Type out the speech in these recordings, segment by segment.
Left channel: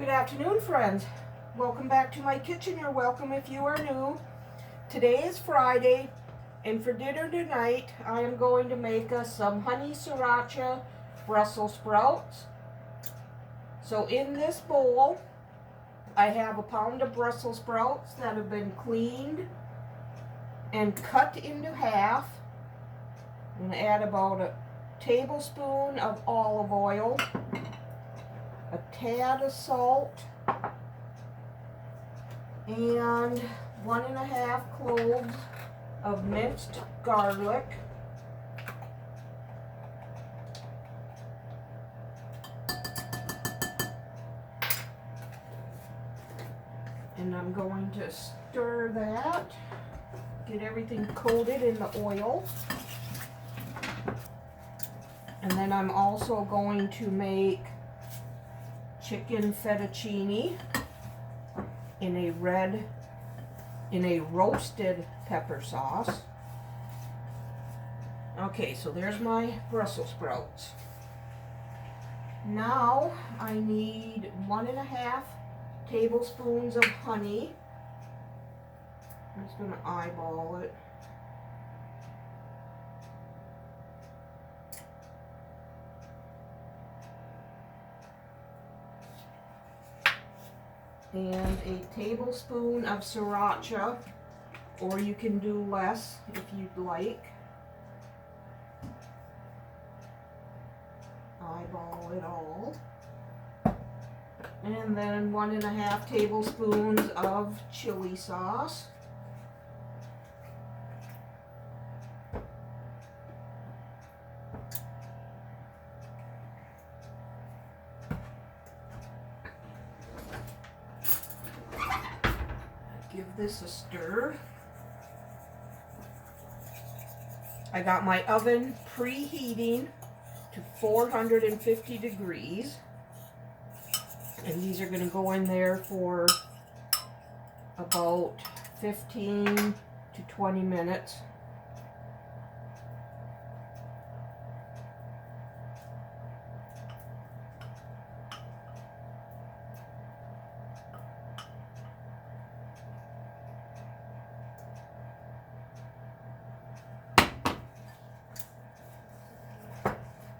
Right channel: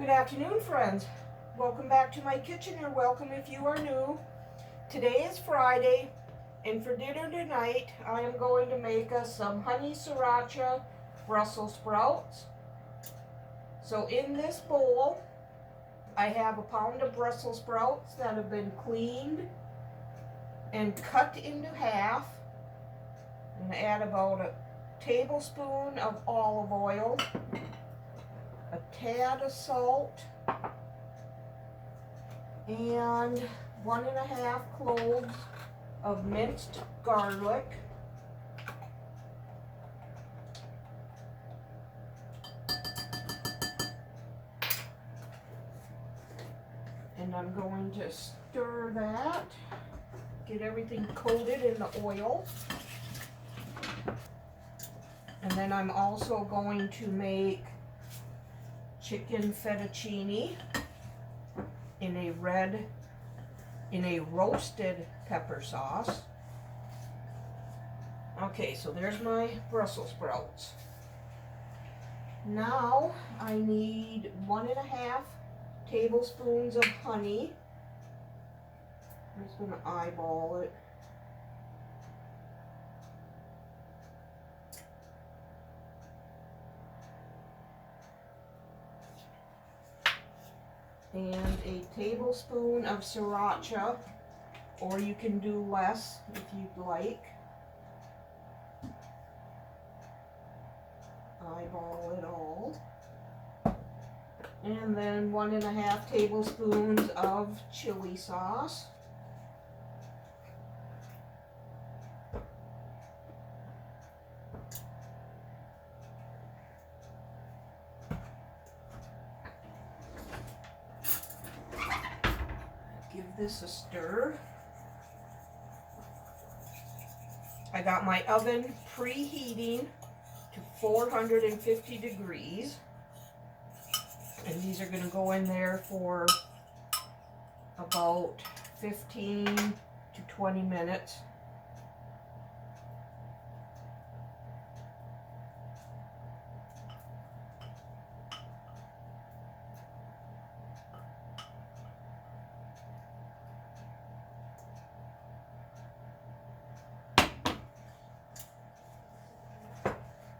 Good afternoon, friends. Welcome back to my kitchen. You're welcome if you are new. Today is Friday, and for dinner tonight, I am going to make us some honey sriracha Brussels sprouts. So in this bowl, I have a pound of Brussels sprouts that have been cleaned and cut into half. I'm going to add about a tablespoon of olive oil, a tad of salt, and 1.5 cloves of minced garlic. And I'm going to stir that, get everything coated in the oil. And then I'm also going to make chicken fettuccine in a roasted pepper sauce. Okay, so there's my Brussels sprouts. Now I need 1.5 tablespoons of honey. I'm just going to eyeball it. And a tablespoon of sriracha, or you can do less if you'd like. Eyeball it all. And then 1.5 tablespoons of chili sauce. Give this a stir. I got my oven preheating to 450 degrees. And these are going to go in there for about 15 to 20 minutes.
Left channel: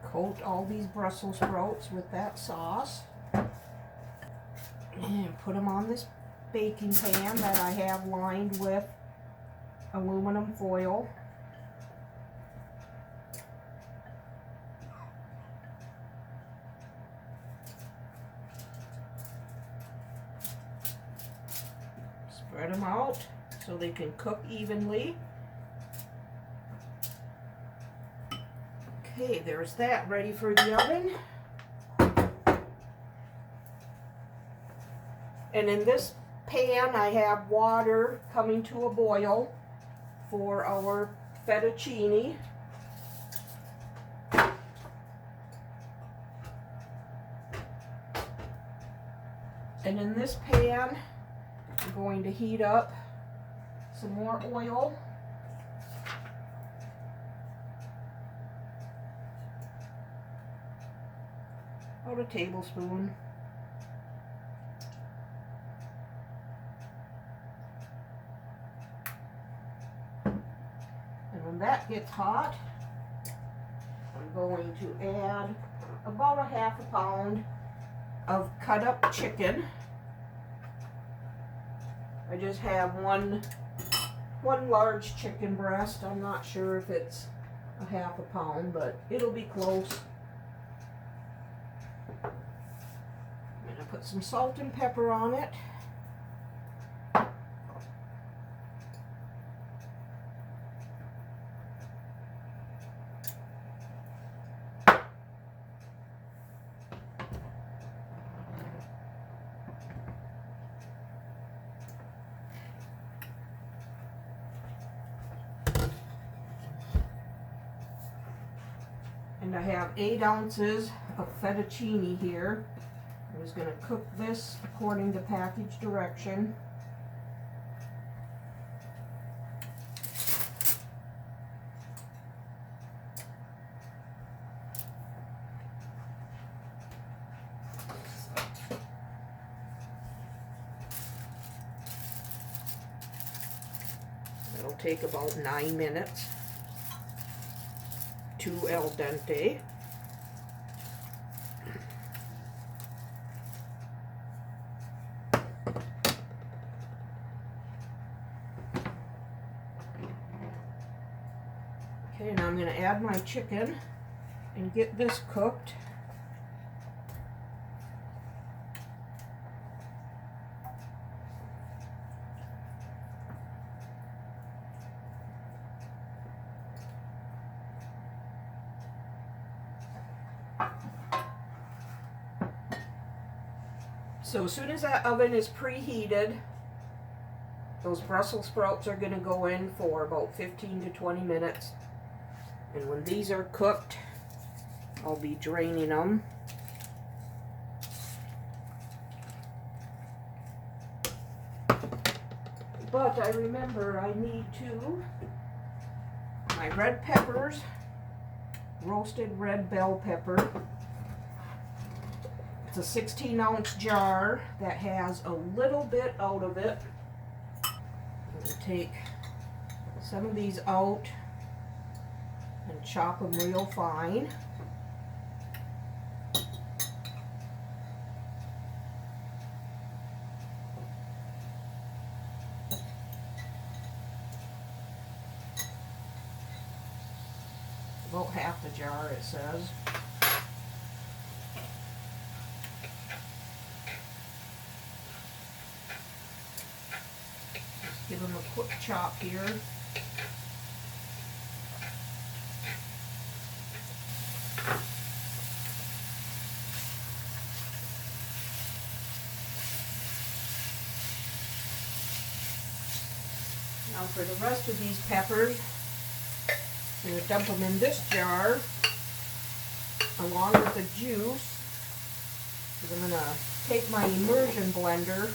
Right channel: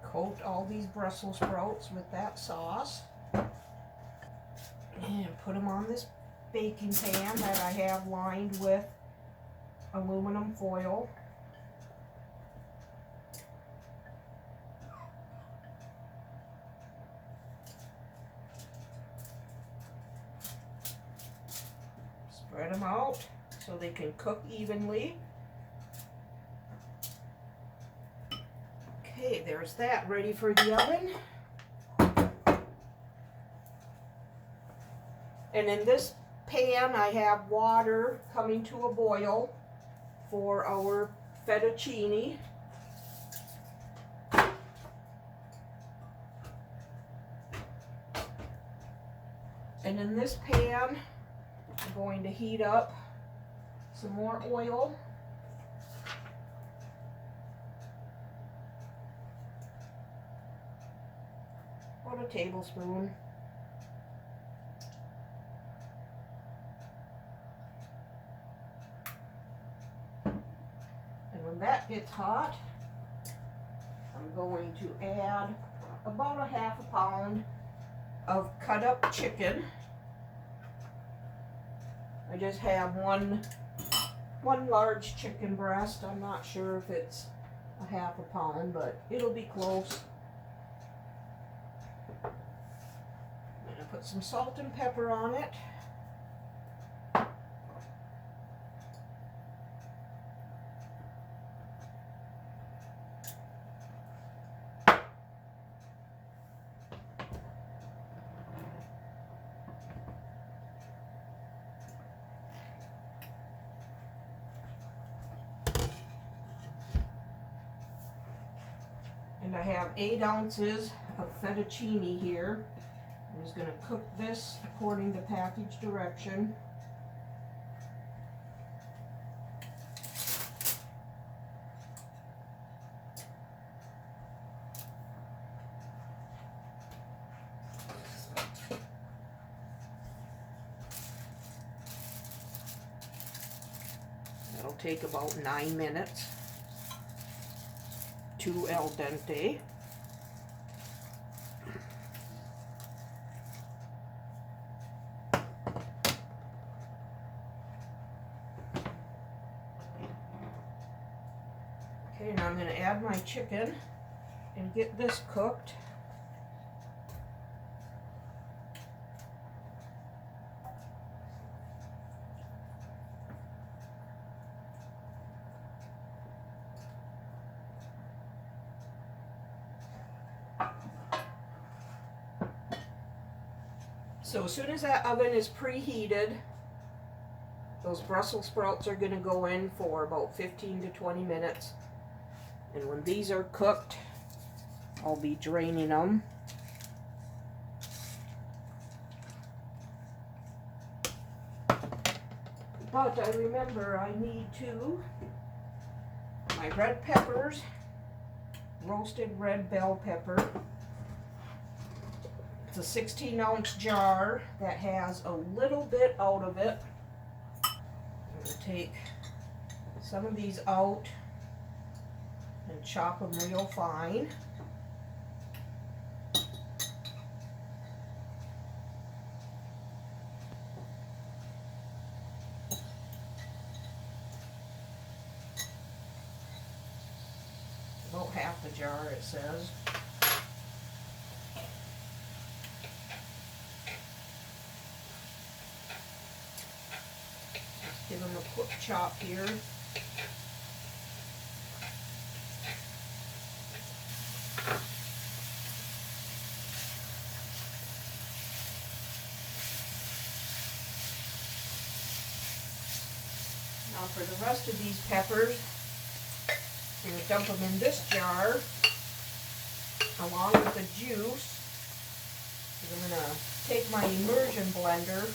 Coat all these Brussels sprouts with that sauce. And put them on this baking pan that I have lined with aluminum foil. Spread them out so they can cook evenly. Okay, there's that ready for the oven. And in this pan, I have water coming to a boil for our fettuccine. And in this pan, I'm going to heat up some more oil. About a tablespoon. When that gets hot, I'm going to add about 1/2 pound of cut up chicken. I just have one large chicken breast. I'm not sure if it's 1/2 pound, but it'll be close. I'm going to put some salt and pepper on it. And I have 8 ounces of fettuccine here. I'm just going to cook this according to package direction. take about 9 minutes to al dente. Okay, now I'm going to add my chicken and get this cooked. So as soon as that oven is preheated, those Brussels sprouts are going to go in for about 15 to 20 minutes. And when these are cooked, I'll be draining them. But I remember I need my red peppers, roasted red bell pepper. It's a 16-ounce jar that has a little bit out of it. I'm going to take some of these out and chop them real fine. About half the jar, it says. Just give them a quick chop here. Now for the rest of these peppers, I'm going to dump them in this jar along with the juice. I'm going to take my immersion blender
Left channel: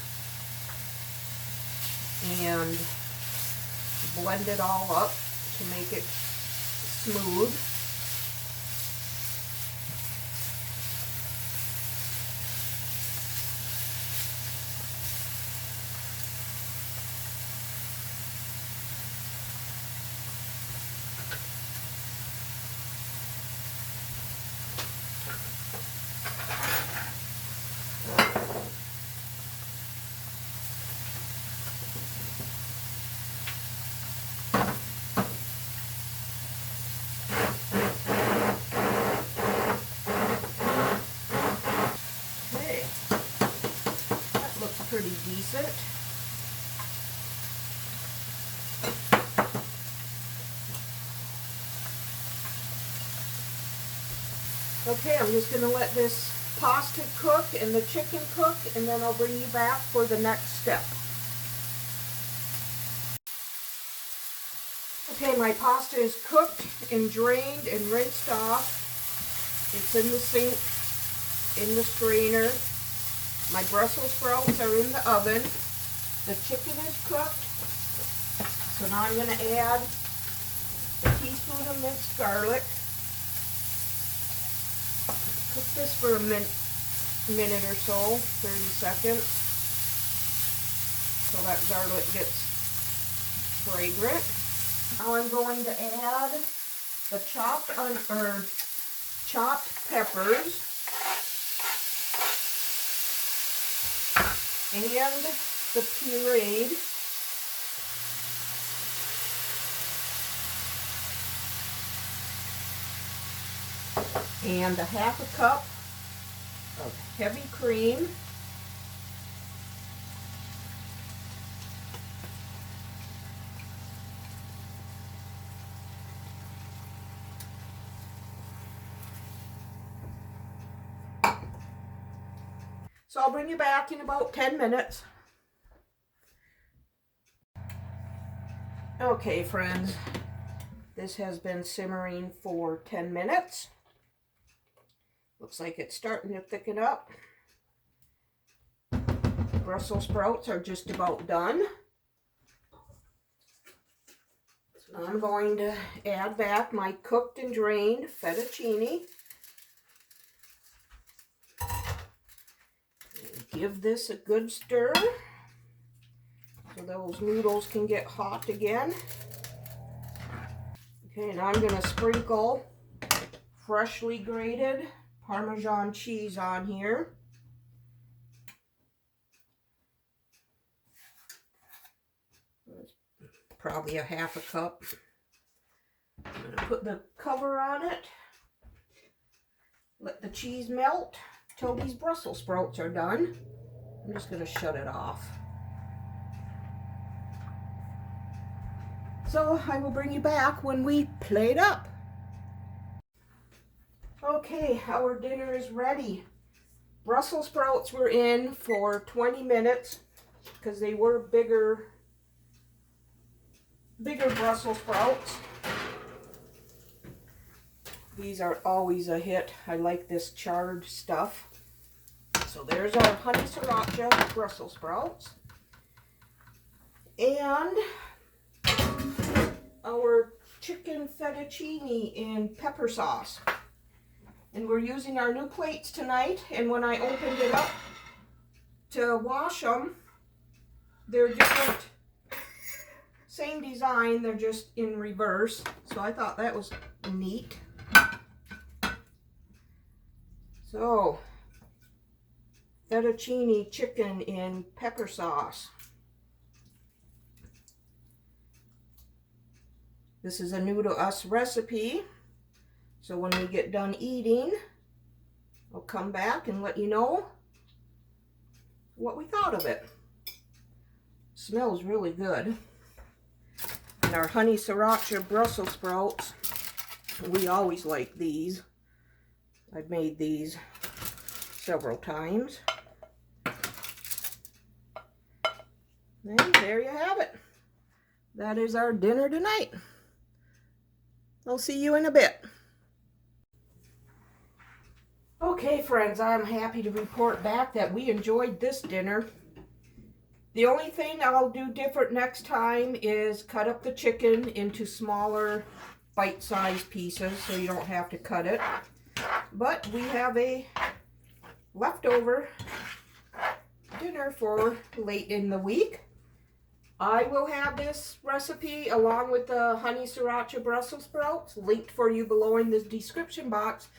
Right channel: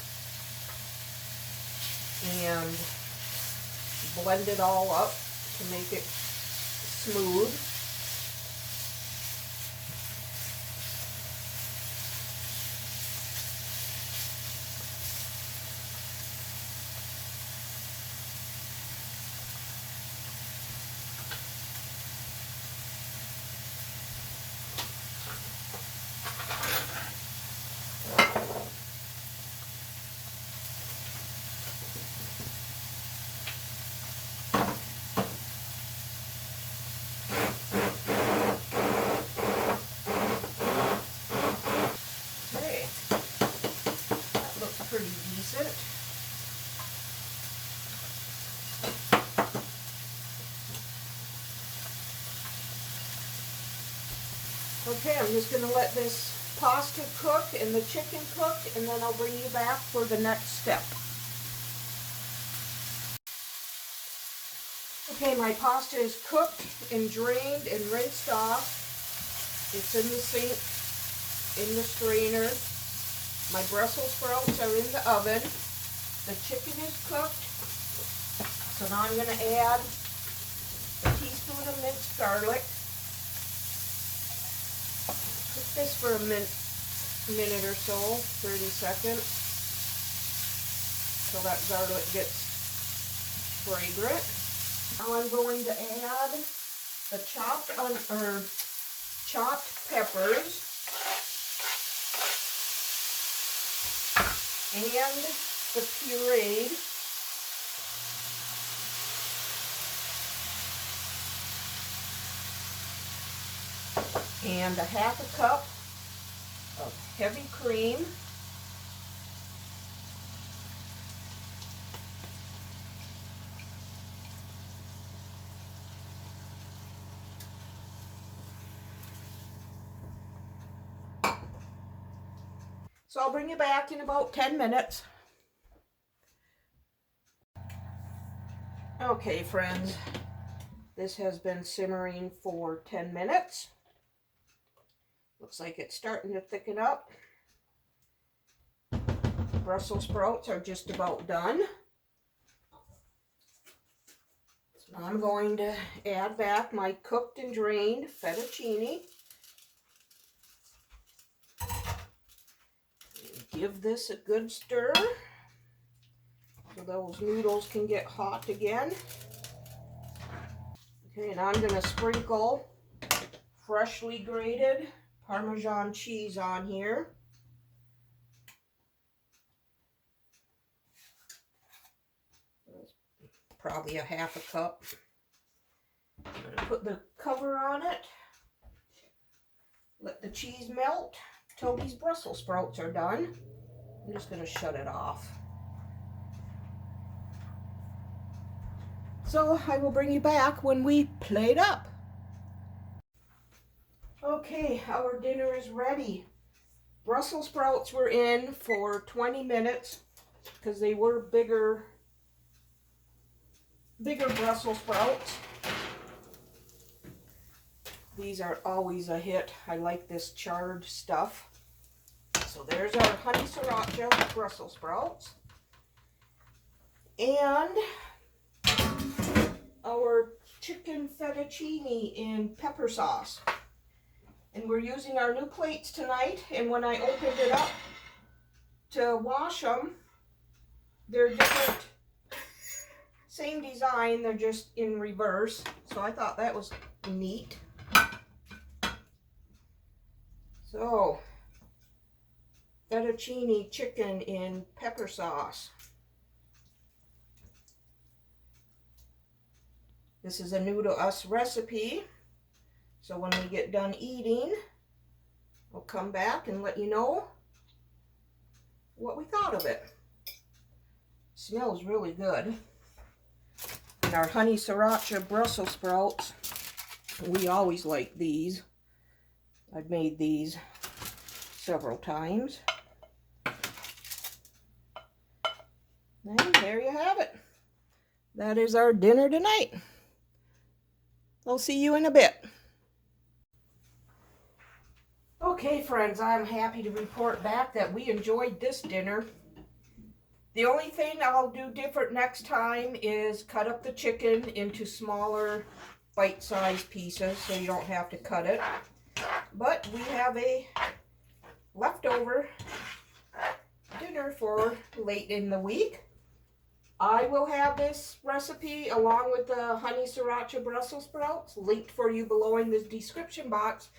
and blend it all up to make it smooth. Pretty decent. Okay, I'm just going to let this pasta cook and the chicken cook, and then I'll bring you back for the next step. Okay, my pasta is cooked and drained and rinsed off. It's in the sink, in the strainer. My Brussels sprouts are in the oven. The chicken is cooked. So now I'm going to add a teaspoon of minced garlic. Cook this for a minute or so, 30 seconds, so that garlic gets fragrant. Now I'm going to add the chopped peppers and the pureed and a half a cup of heavy cream. So I'll bring you back in about 10 minutes. Okay, friends, this has been simmering for 10 minutes. Looks like it's starting to thicken up. Brussels sprouts are just about done. So now I'm going to add back my cooked and drained fettuccine. Give this a good stir so those noodles can get hot again. Okay, and I'm gonna sprinkle freshly grated Parmesan cheese on here. Probably a half a cup. I'm gonna put the cover on it. Let the cheese melt till these Brussels sprouts are done. I'm just gonna shut it off. So I will bring you back when we plate up. Okay, our dinner is ready. Brussels sprouts were in for 20 minutes because they were bigger Brussels sprouts. These are always a hit. I like this charred stuff. So there's our honey sriracha Brussels sprouts. And our chicken fettuccine in pepper sauce. And we're using our new plates tonight. And when I opened it up to wash them, they're different. Same design, they're just in reverse. So I thought that was neat. So, fettuccine chicken in pepper sauce. This is a new to us recipe. So when we get done eating, I'll come back and let you know what we thought of it. Smells really good. And our honey sriracha Brussels sprouts, we always like these. I've made these several times. And there you have it. That is our dinner tonight. I'll see you in a bit. Okay, friends, I'm happy to report back that we enjoyed this dinner. The only thing I'll do different next time is cut up the chicken into smaller bite-sized pieces so you don't have to cut it. But we have a leftover dinner for late in the week. I will have this recipe along with the honey sriracha Brussels sprouts linked for you below in the description box.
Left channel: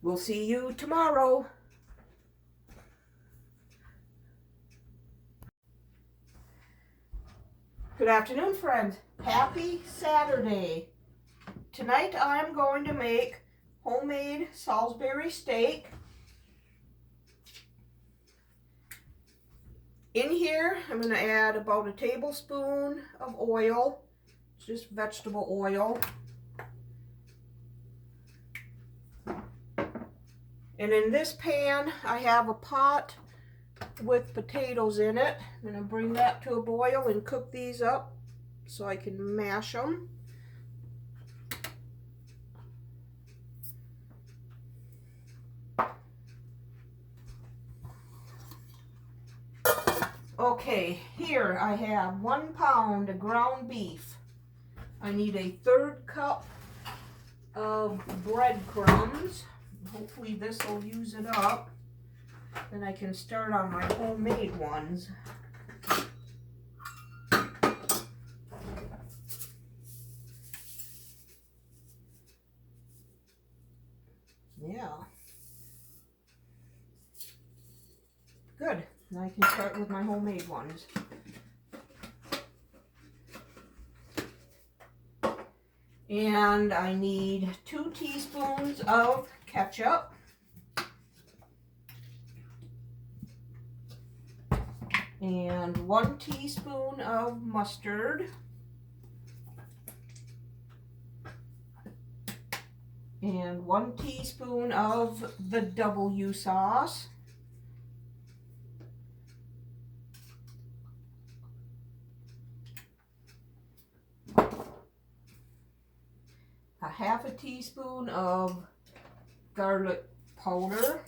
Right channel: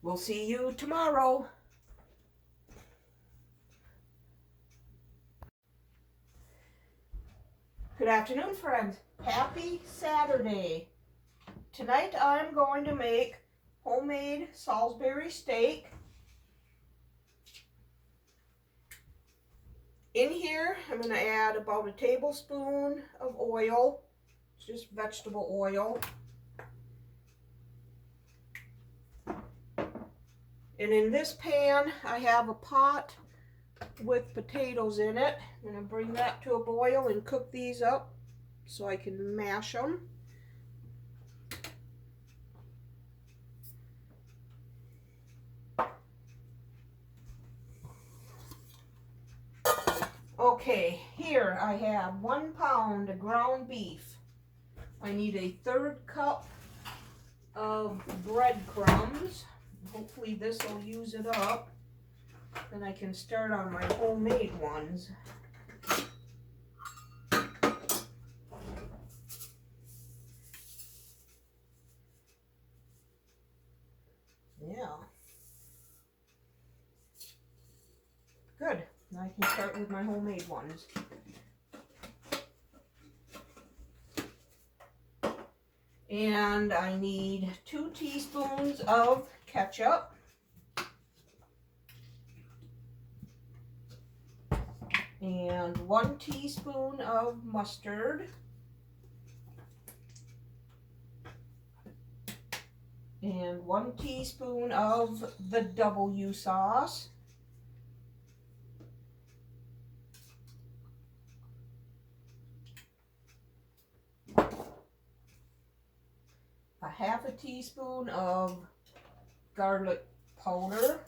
We'll see you tomorrow. Good afternoon, friends. Happy Saturday. Tonight I am going to make homemade Salisbury steak. In here, I'm going to add about a tablespoon of oil. It's just vegetable oil. And in this pan, I have a pot with potatoes in it. I'm going to bring that to a boil and cook these up so I can mash them. Okay, here I have 1 pound of ground beef. I need a 1/3 cup of breadcrumbs. Hopefully this will use it up. Then I can start on my homemade ones. Yeah. Good. Now I can start with my homemade ones. And I need 2 teaspoons of ketchup. And 1 teaspoon of mustard. And 1 teaspoon of the W sauce. A 1/2 teaspoon of garlic powder.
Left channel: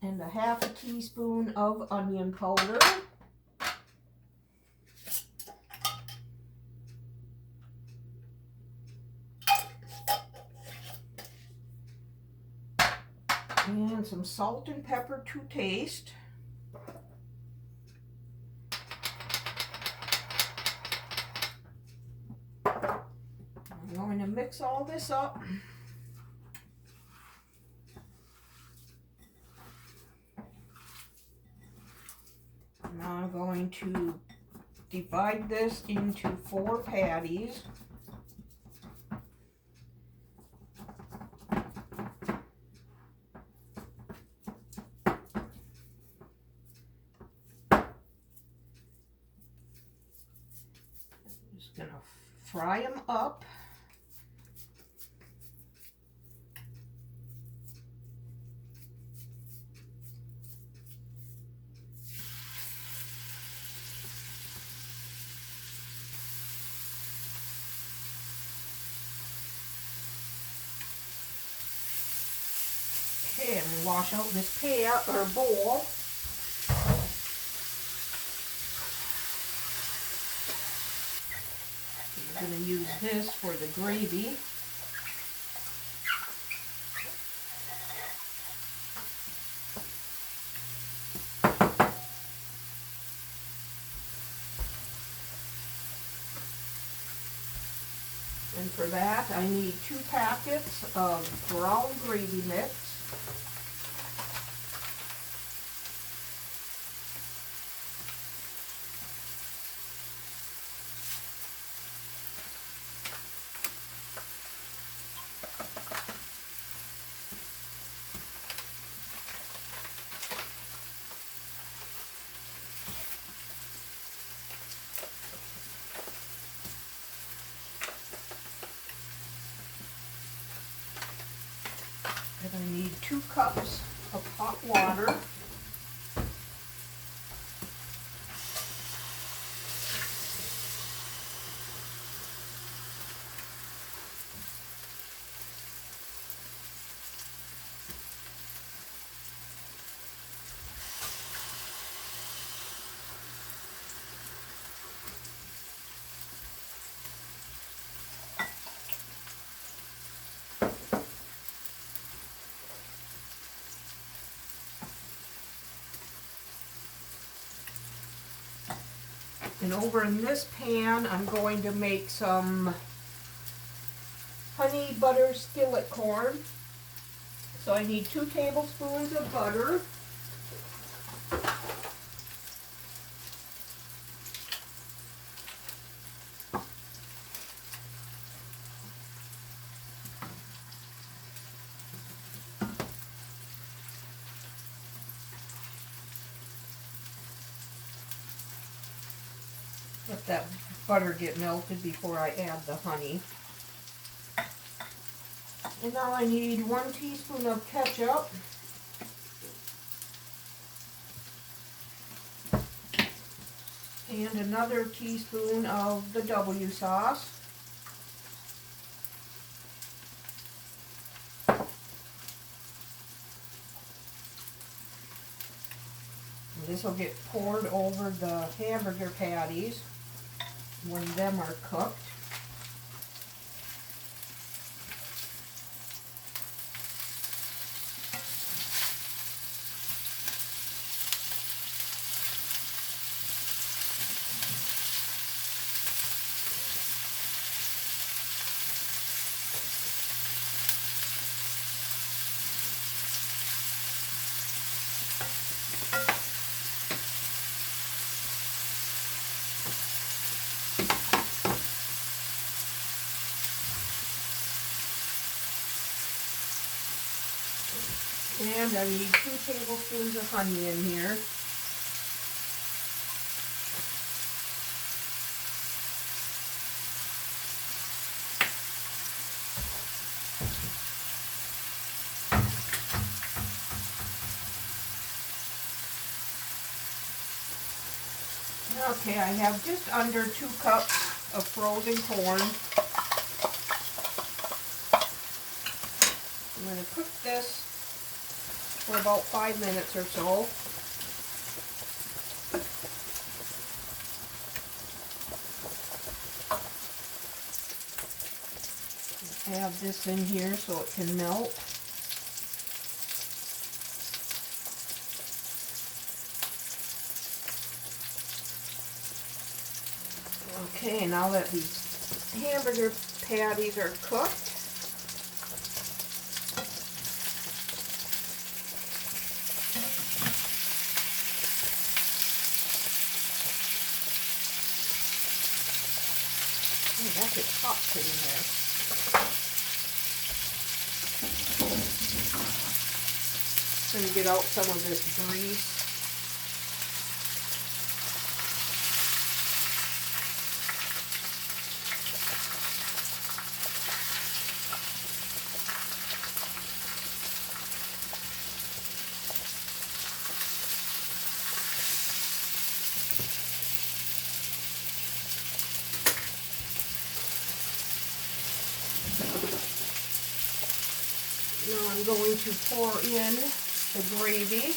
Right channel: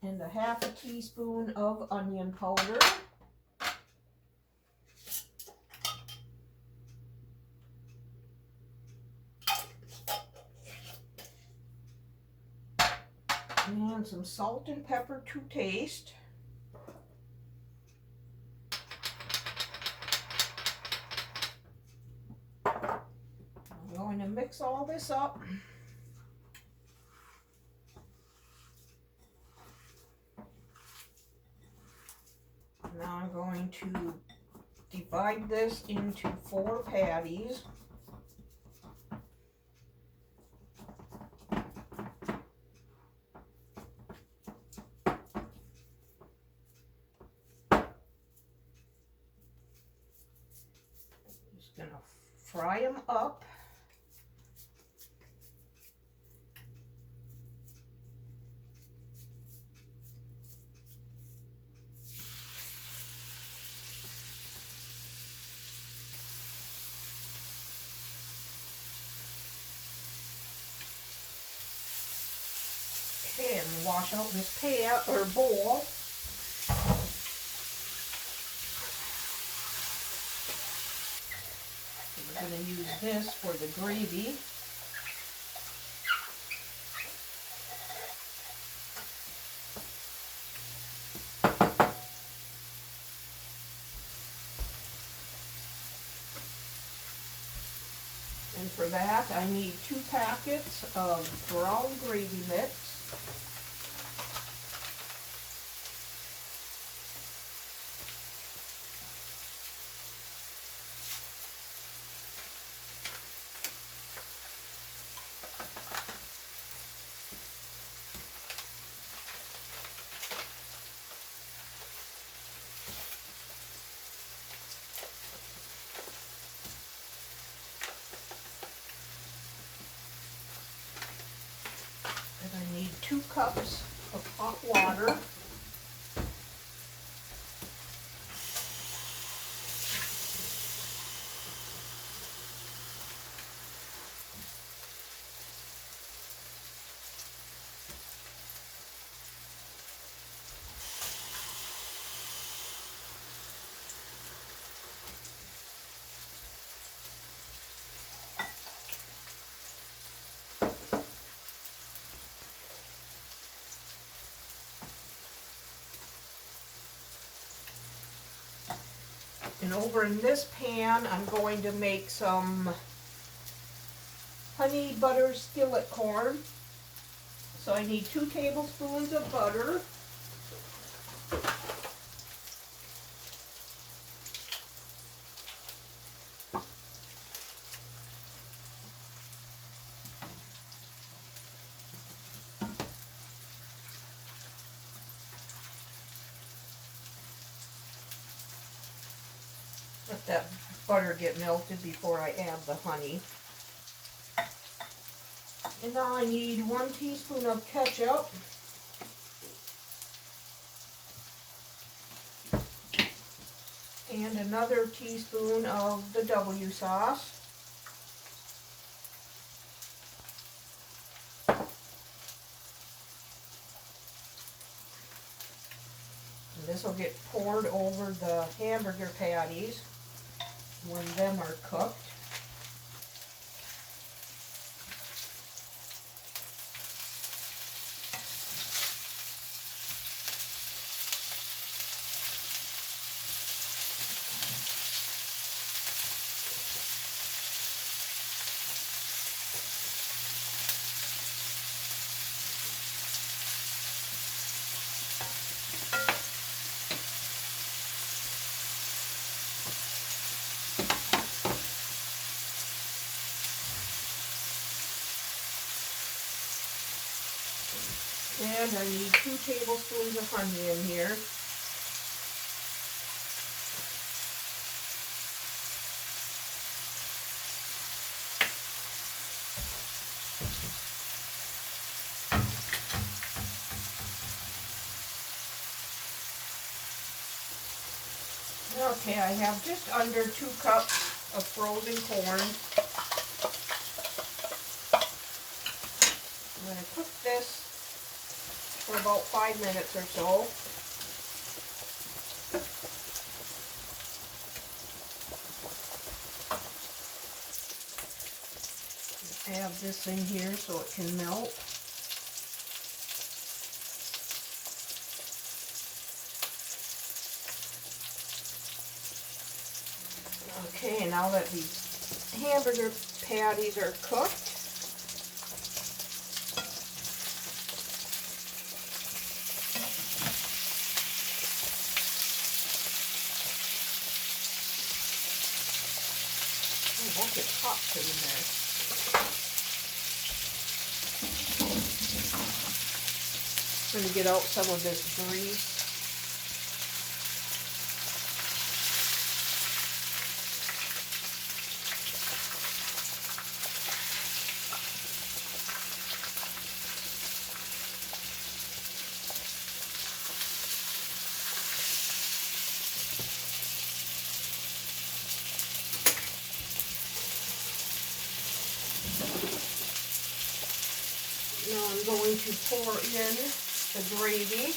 And a 1/2 teaspoon of onion powder. And some salt and pepper to taste. mix all this up. Now I'm going to divide this into 4 patties. Just gonna fry them up. Okay, and wash out this pan or bowl. I'm going to use this for the gravy. And for that, I need 2 packets of brown gravy mix. And I need 2 cups of hot water. And over in this pan, I'm going to make some honey butter skillet corn. So I need 2 tablespoons of butter. Let that butter get melted before I add the honey. And now I need 1 teaspoon of ketchup. And another teaspoon of the W sauce. And this will get poured over the hamburger patties when them are cooked. And I need 2 tablespoons of honey in here. Okay, I have just under 2 cups of frozen corn. I'm going to cook this for about 5 minutes or so. Add this in here so it can melt. Okay, now that these hamburger patties are cooked. Oh, that gets hot sitting there. I'm going to get out some of this grease. Now I'm going to pour in the gravy.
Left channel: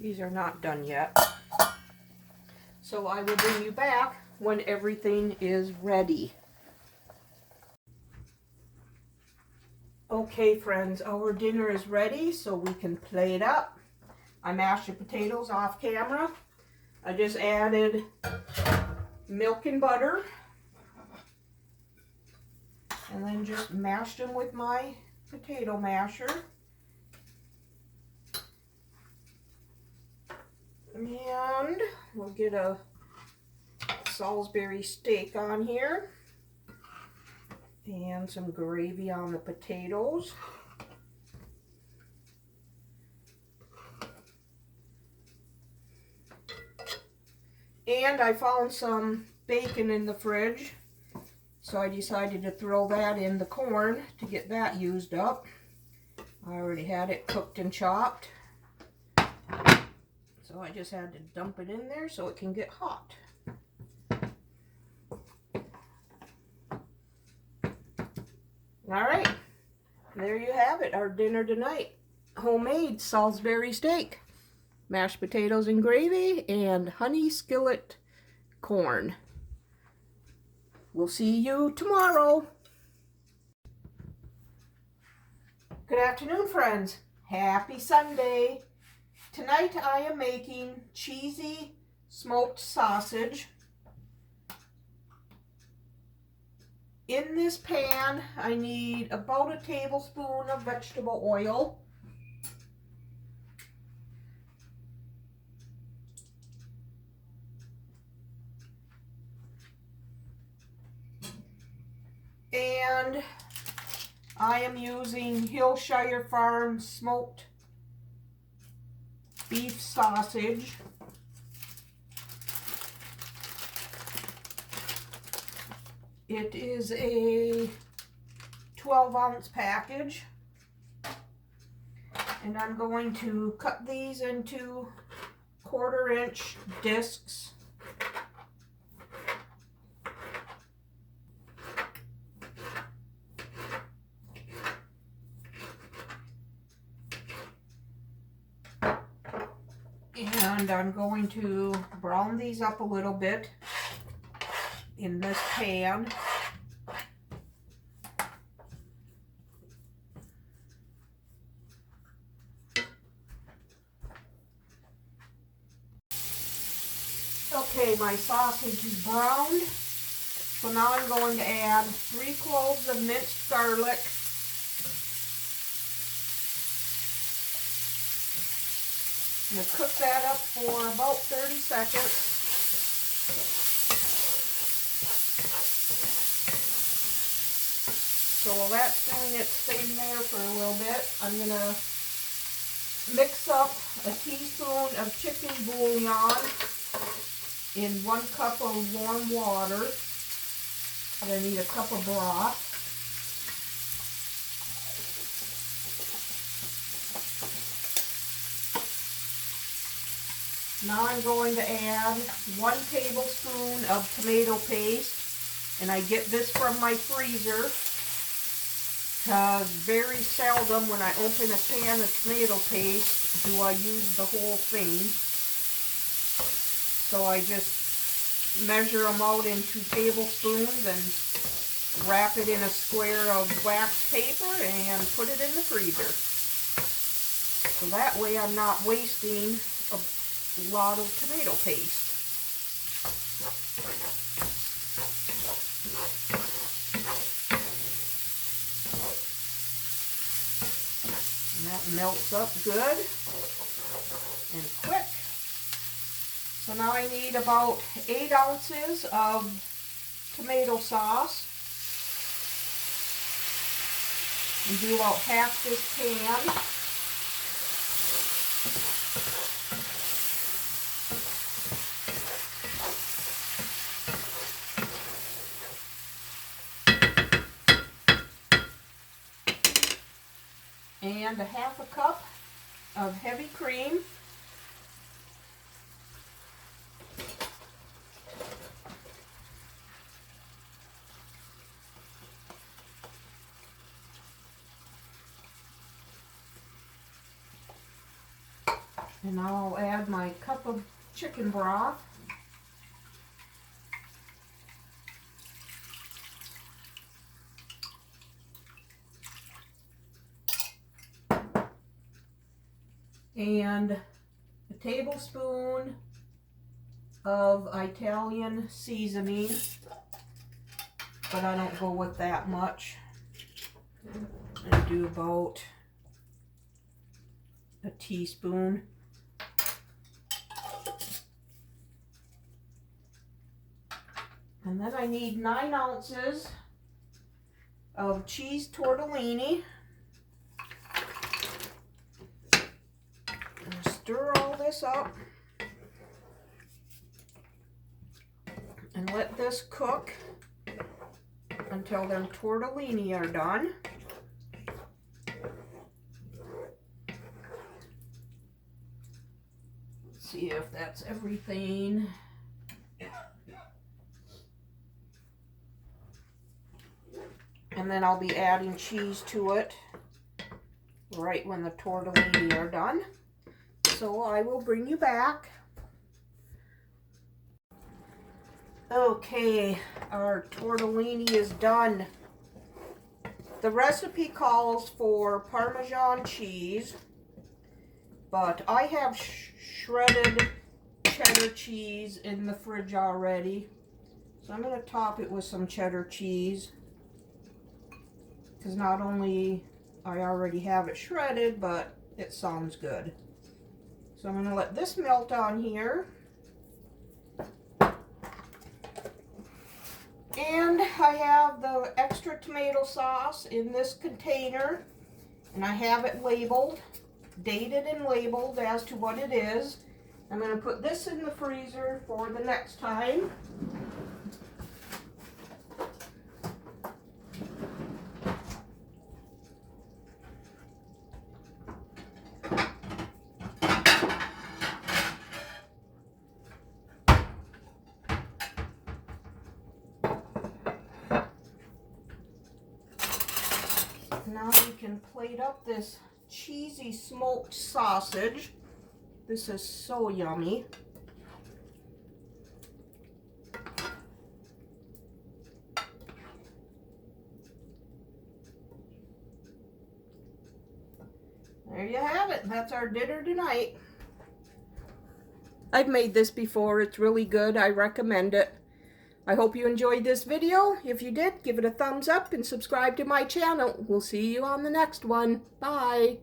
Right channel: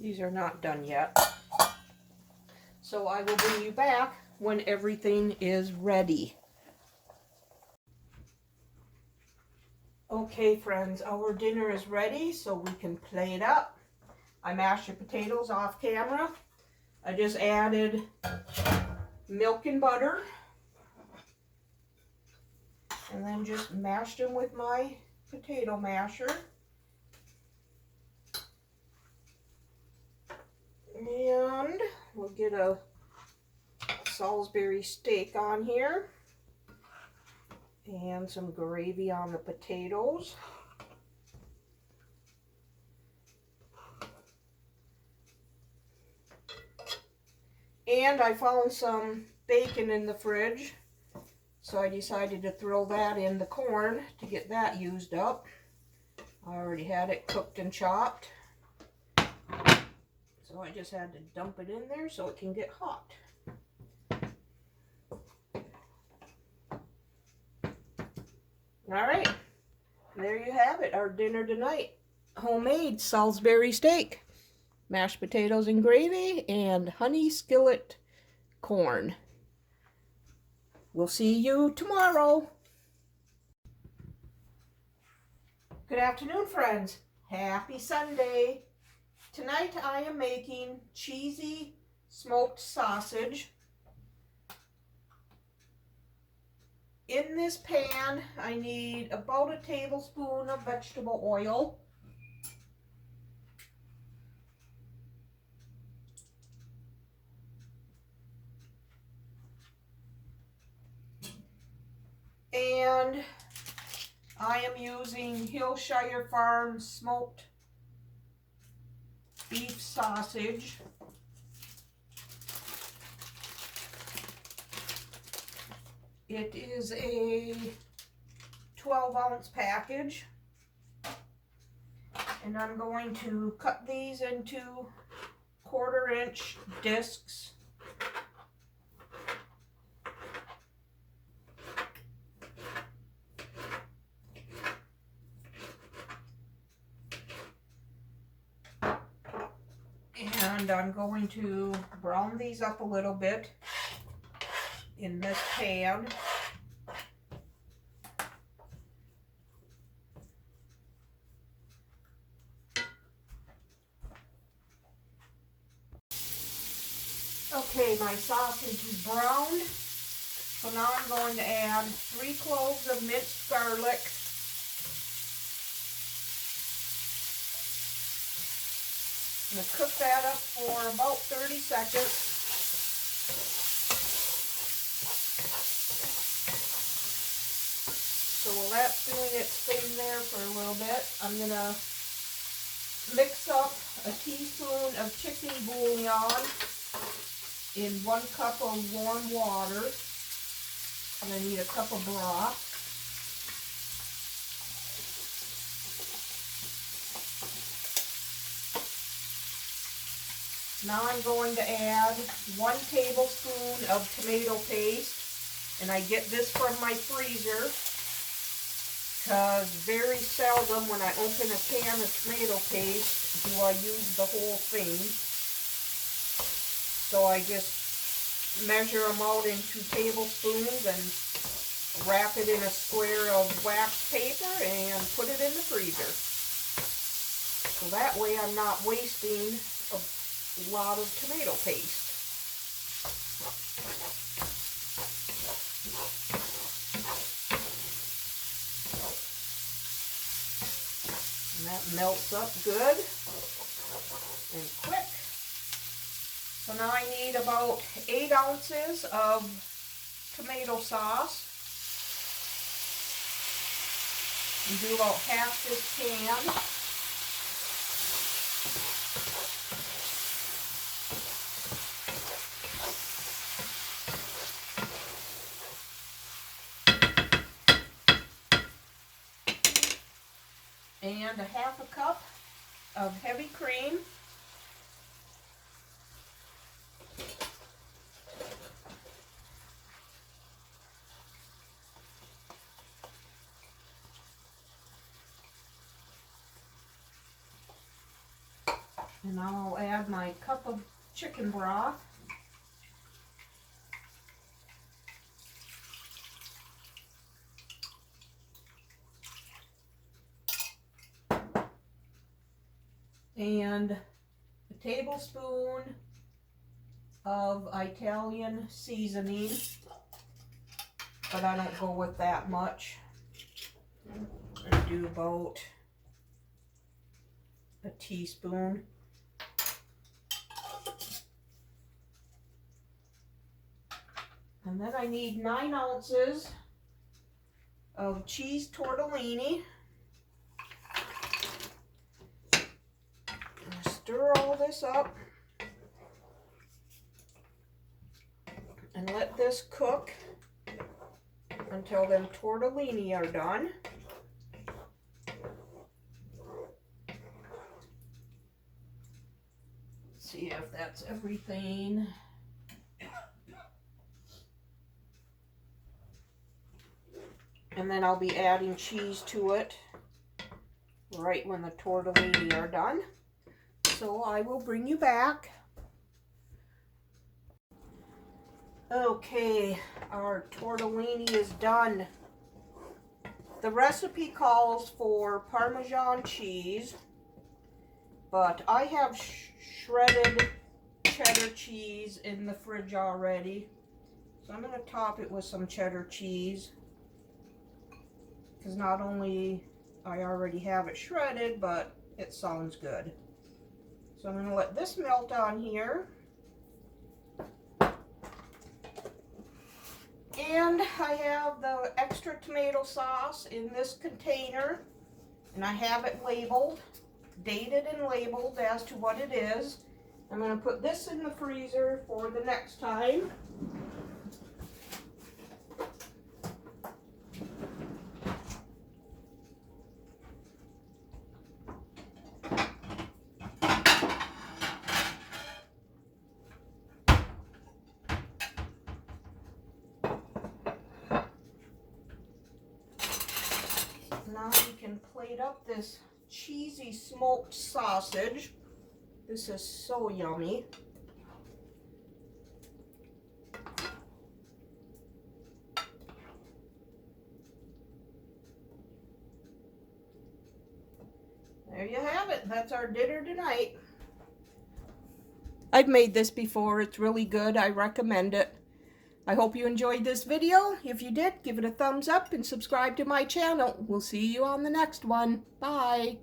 These are not done yet. So I will bring you back when everything is ready. Okay friends, our dinner is ready so we can plate up. I mashed the potatoes off camera. I just added milk and butter. And then just mashed them with my potato masher. And we'll get a Salisbury steak on here. And some gravy on the potatoes. And I found some bacon in the fridge. So I decided to throw that in the corn to get that used up. I already had it cooked and chopped. So I just had to dump it in there so it can get hot. Alright, there you have it, our dinner tonight. Homemade Salisbury steak, mashed potatoes and gravy, and honey skillet corn. We'll see you tomorrow. Good afternoon, friends. Happy Sunday. Tonight I am making cheesy smoked sausage. In this pan, I need about a tablespoon of vegetable oil. And I am using Hillshire Farm smoked beef sausage. It is a 12-ounce package. And I'm going to cut these into 1/4-inch discs. And I'm going to brown these up a little bit in this pan. Okay, my sausage is browned. So now I'm going to add 3 cloves of minced garlic. I'm going to cook that up for about 30 seconds. So while that's doing its thing there for a little bit, I'm going to mix up a teaspoon of chicken bouillon in 1 cup of warm water. And I need a cup of broth. Now I'm going to add 1 tablespoon of tomato paste. And I get this from my freezer, because very seldom when I open a can of tomato paste do I use the whole thing. So I just measure them out in 2 tablespoons and wrap it in a square of wax paper and put it in the freezer. So that way I'm not wasting a lot of tomato paste. And that melts up good and quick. So now I need about 8 ounces of tomato sauce. And do about half this can. And a half a cup of heavy cream. And now I'll add my cup of chicken broth. And a tablespoon of Italian seasoning, but I don't go with that much. I do about a teaspoon. And then I need 9 ounces of cheese tortellini. Stir all this up and let this cook until them tortellini are done. Let's see if that's everything. And then I'll be adding cheese to it right when the tortellini are done. So I will bring you back. Okay, our tortellini is done. The recipe calls for Parmesan cheese, but I have shredded cheddar cheese in the fridge already. So I'm going to top it with some cheddar cheese, because not only I already have it shredded, but it sounds good. So I'm going to let this melt on here. And I have the extra tomato sauce in this container. And I have it labeled, dated and labeled as to what it is. I'm going to put this in the freezer for the next time. Now you can plate up this cheesy smoked sausage. This is so yummy. There you have it. That's our dinner tonight. I've made this before. It's really good. I recommend it. I hope you enjoyed this video. If you did, give it a thumbs up and subscribe to my channel. We'll see you on the next one. Bye.